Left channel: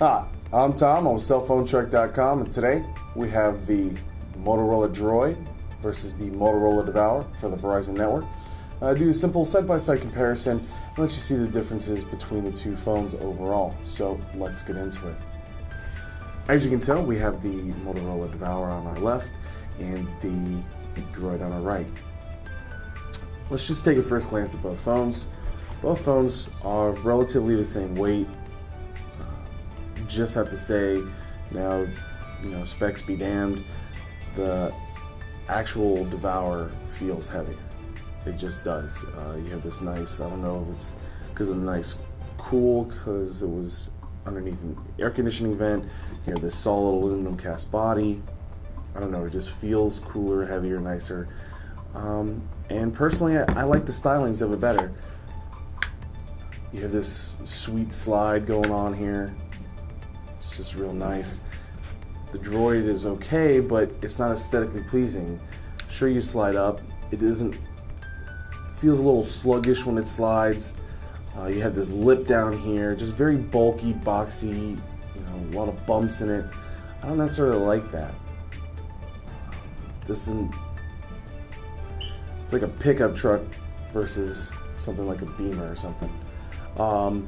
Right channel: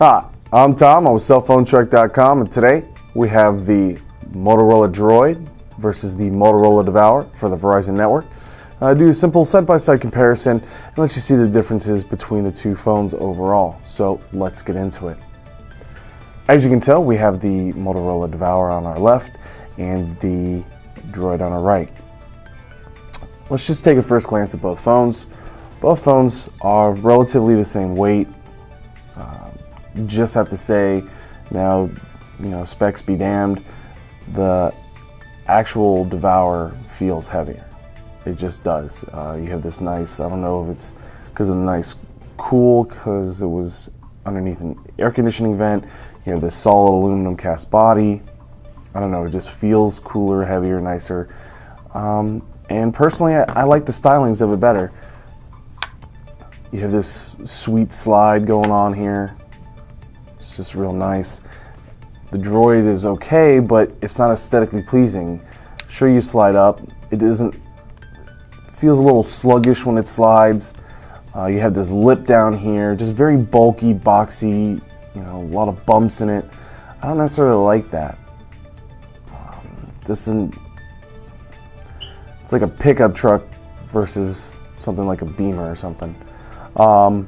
Hi, I'm Tom. I'm with cellphonetrek.com, and today we have the Motorola Droid versus the Motorola Devour for the Verizon network. Do a simple side-by-side comparison and let you see the differences between the two phones overall. So let's get into it. As you can tell, we have the Motorola Devour on our left and the Droid on our right. Let's just take a first glance at both phones. Both phones are relatively the same weight. Just have to say, now, specs be damned, the actual Devour feels heavier. It just does. You have this nice, I don't know if it's because of the nice cool, because it was underneath an air conditioning vent. You have this solid aluminum cast body. I don't know, it just feels cooler, heavier, nicer. And personally, I like the stylings of it better. You have this sweet slide going on here. It's just real nice. The Droid is okay, but it's not aesthetically pleasing. Sure, you slide up. Feels a little sluggish when it slides. You have this lip down here, just very bulky, boxy, a lot of bumps in it. I don't necessarily like that. It's like a pickup truck versus something like a Beamer or something. The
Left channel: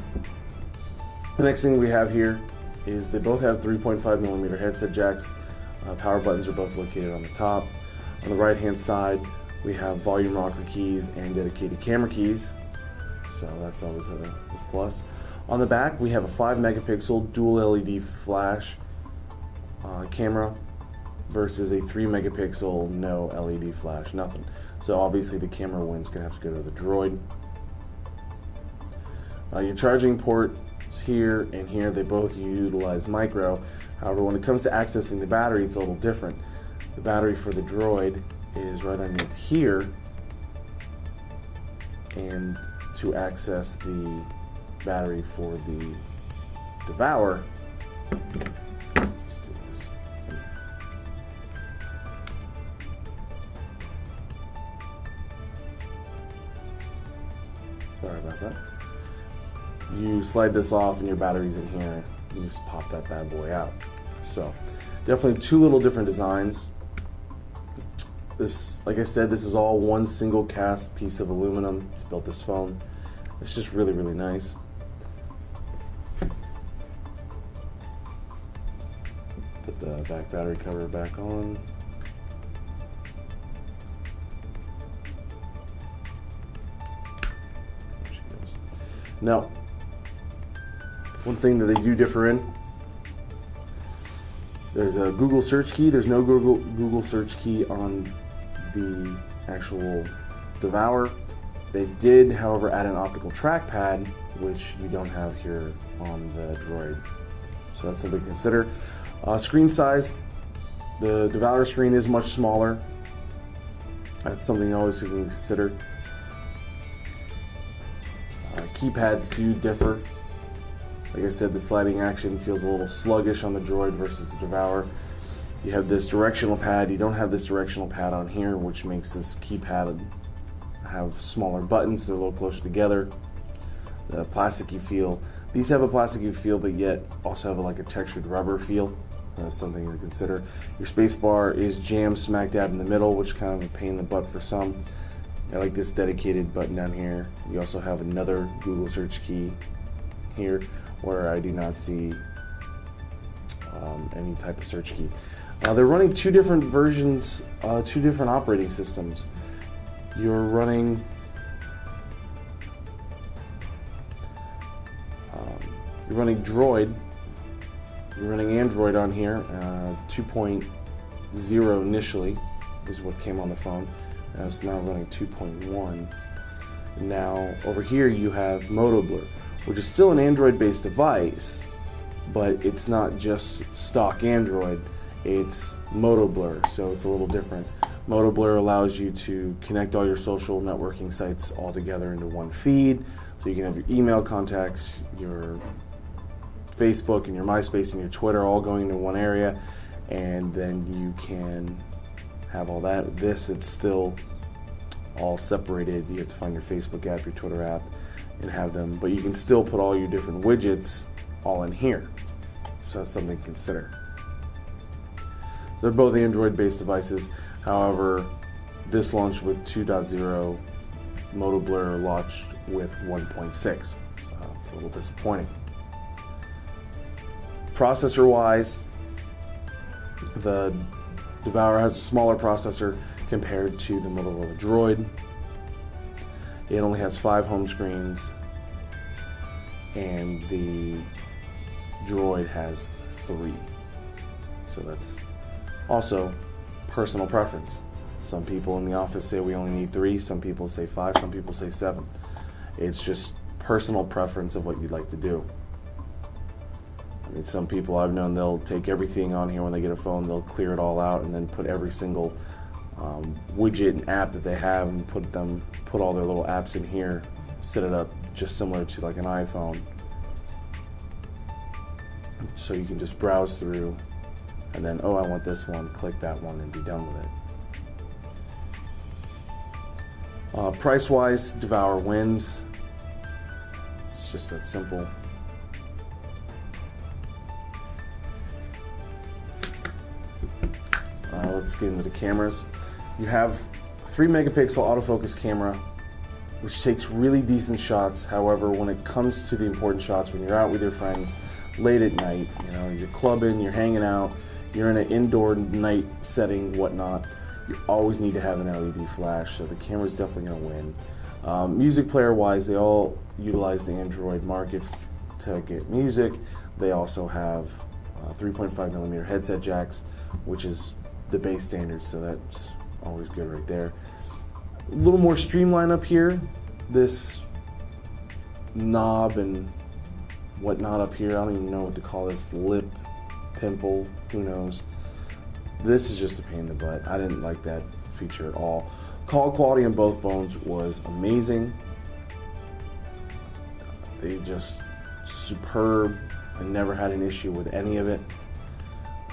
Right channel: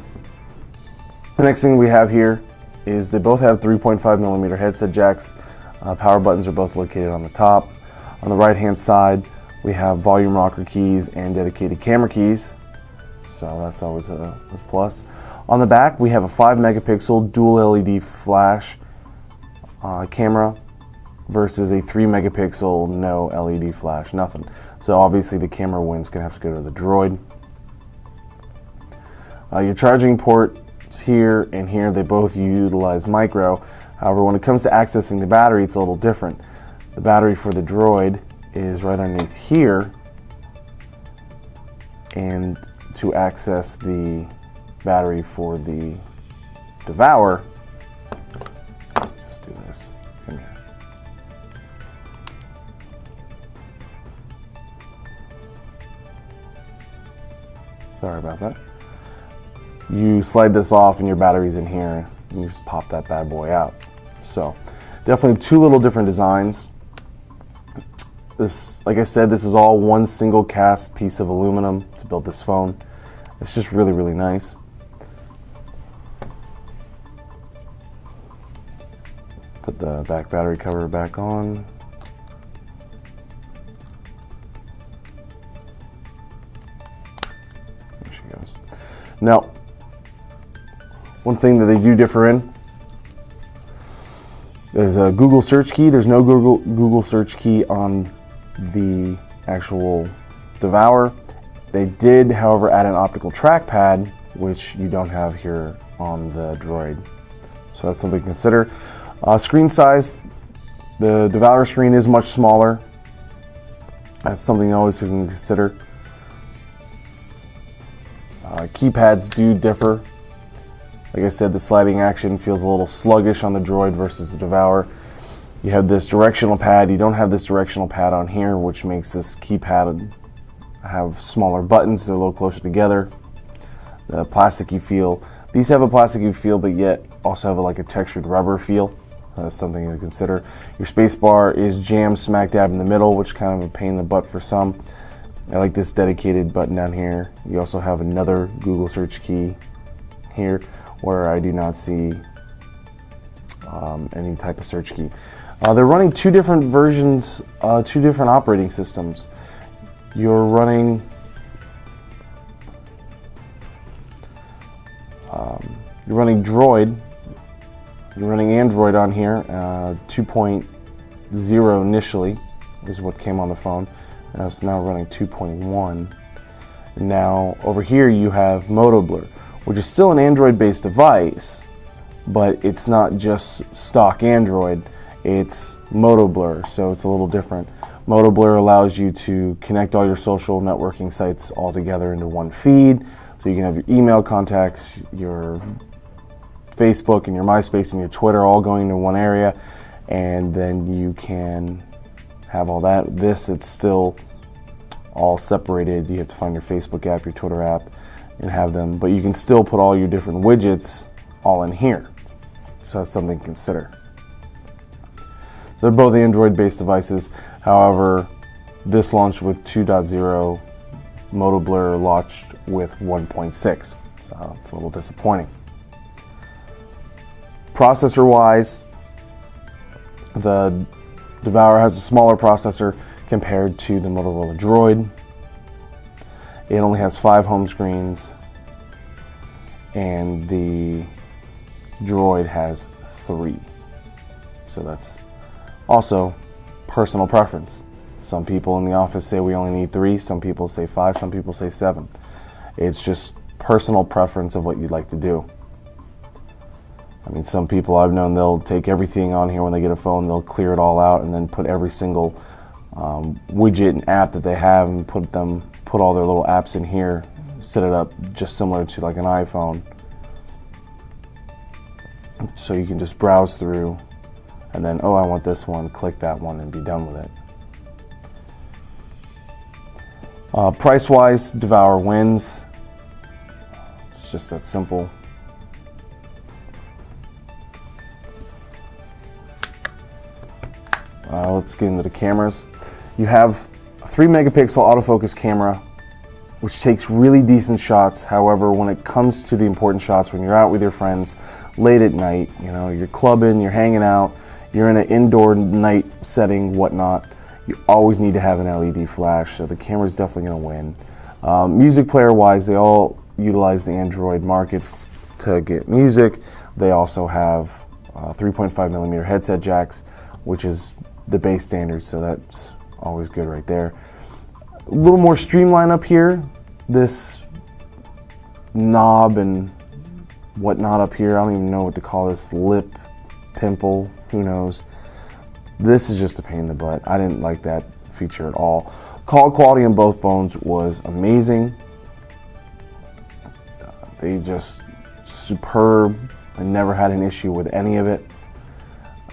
next thing we have here is they both have 3.5mm headset jacks. Power buttons are both located on the top. On the right hand side, we have volume rocker keys and dedicated camera keys, so that's always a plus. On the back, we have a 5-megapixel dual LED flash camera versus a 3-megapixel no LED flash, nothing. So obviously the camera win's gonna have to go to the Droid. Your charging port here and here, they both utilize micro. However, when it comes to accessing the battery, it's a little different. The battery for the Droid is right underneath here, and to access the battery for the Devour, let's do this. Come here. Sorry about that. You slide this off and your battery's in here. You just pop that bad boy out. So definitely two little different designs. This, like I said, this is all one single cast piece of aluminum to build this phone. It's just really, really nice. Put the back battery cover back on. There she goes. Now, one thing that they do differ in, there's a Google search key. There's no Google search key on the actual Devour. They did, however, add an optical trackpad, which you don't have here on the Droid. So that's something to consider. Screen size, the Devour screen is much smaller. That's something you always can consider. Keypads do differ. Like I said, the sliding action feels a little sluggish on the Droid versus the Devour. You have this directional pad. You don't have this directional pad on here, which makes this keypad have smaller buttons. They're a little closer together. The plasticky feel. These have a plasticky feel, but yet also have like a textured rubber feel. That's something to consider. Your space bar is jammed smack dab in the middle, which is kind of a pain in the butt for some. I like this dedicated button down here. You also have another Google search key here, where I do not see any type of search key. They're running two different versions, two different operating systems. You're running Droid. You're running Android on here. 2.0 initially is what came on the phone. It's now running 2.1. Now over here you have Motorola, which is still an Android-based device, but it's not just stock Android, it's Motorola, so it's a little different. Motorola allows you to connect all your social networking sites all together into one feed, so you can have your email contacts, your Facebook and your MySpace and your Twitter all going into one area, and then you can have all that. It's still all separated. You have to find your Facebook app, your Twitter app, and have them, but you can still put all your different widgets all in here. So that's something to consider. So they're both Android-based devices. However, this launched with 2.0. MotoBlur launched with 1.6. So it's a little disappointing. Processor-wise, the Devour has a smaller processor compared to the Motorola Droid. It only has 5 home screens, and the Droid has 3. So that's also personal preference. Some people in the office say we only need 3, some people say 5, some people say 7. It's just personal preference of what you'd like to do. I mean, some people I've known, they'll take everything on here when they get a phone, they'll clear it all out and then put every single widget and app that they have and put all their little apps in here, set it up just similar to like an iPhone. So you can just browse through and then, oh, I want this one, click that one and be done with it. Price-wise, Devour wins. It's just that simple. Let's get into the cameras. You have a 3 megapixel autofocus camera, which takes really decent shots. However, when it comes to the important shots, when you're out with your friends late at night, you know, you're clubbing, you're hanging out, you're in an indoor night setting, whatnot, you always need to have an LED flash, so the camera's definitely going to win. Music player wise, they all utilize the Android market to get music. They also have 3.5 millimeter headset jacks, which is the base standard, so that's always good right there. A little more streamlined up here. This knob and whatnot up here, I don't even know what to call this, lip pimple, who knows. This is just a pain in the butt. I didn't like that feature at all. Call quality on both phones was amazing. They just superb. I never had an issue with any of it.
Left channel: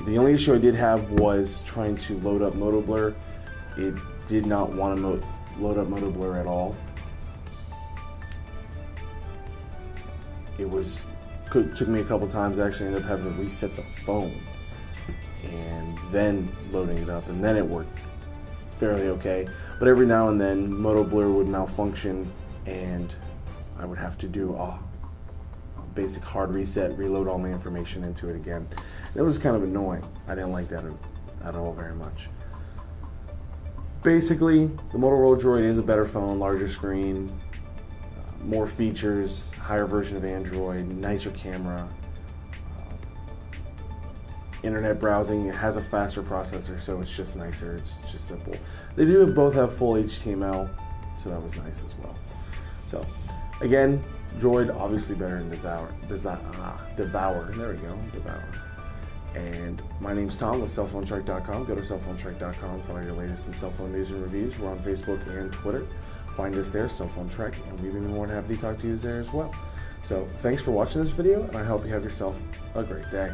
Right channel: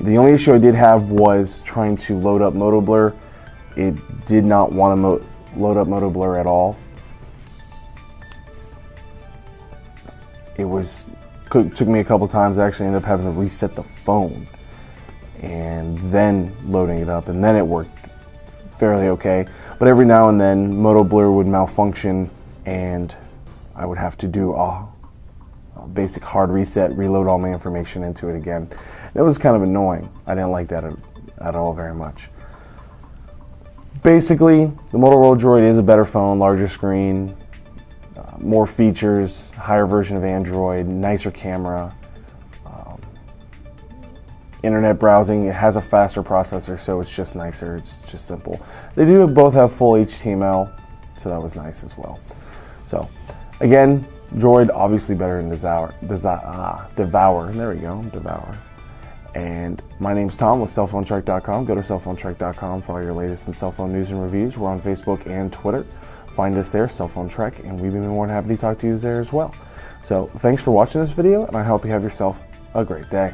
The only issue I did have was trying to load up MotoBlur. It did not want to load up MotoBlur at all. Took me a couple times. I actually ended up having to reset the phone and then loading it up, and then it worked fairly okay. But every now and then MotoBlur would malfunction and I would have to do a basic hard reset, reload all my information into it again. It was kind of annoying. I didn't like that at all very much. Basically, the Motorola Droid is a better phone, larger screen, more features, higher version of Android, nicer camera, internet browsing. It has a faster processor, so it's just nicer. It's just simple. They do both have full HTML, so that was nice as well. So, again, Droid obviously better than Devour. There we go, Devour. And my name's Tom with cellphonetrek.com. Go to cellphonetrek.com for all your latest in cell phone news and reviews. We're on Facebook and Twitter. Find us there, Cell Phone Trek, and we'd be more than happy to talk to you there as well. So thanks for watching this video, and I hope you have yourself a great day.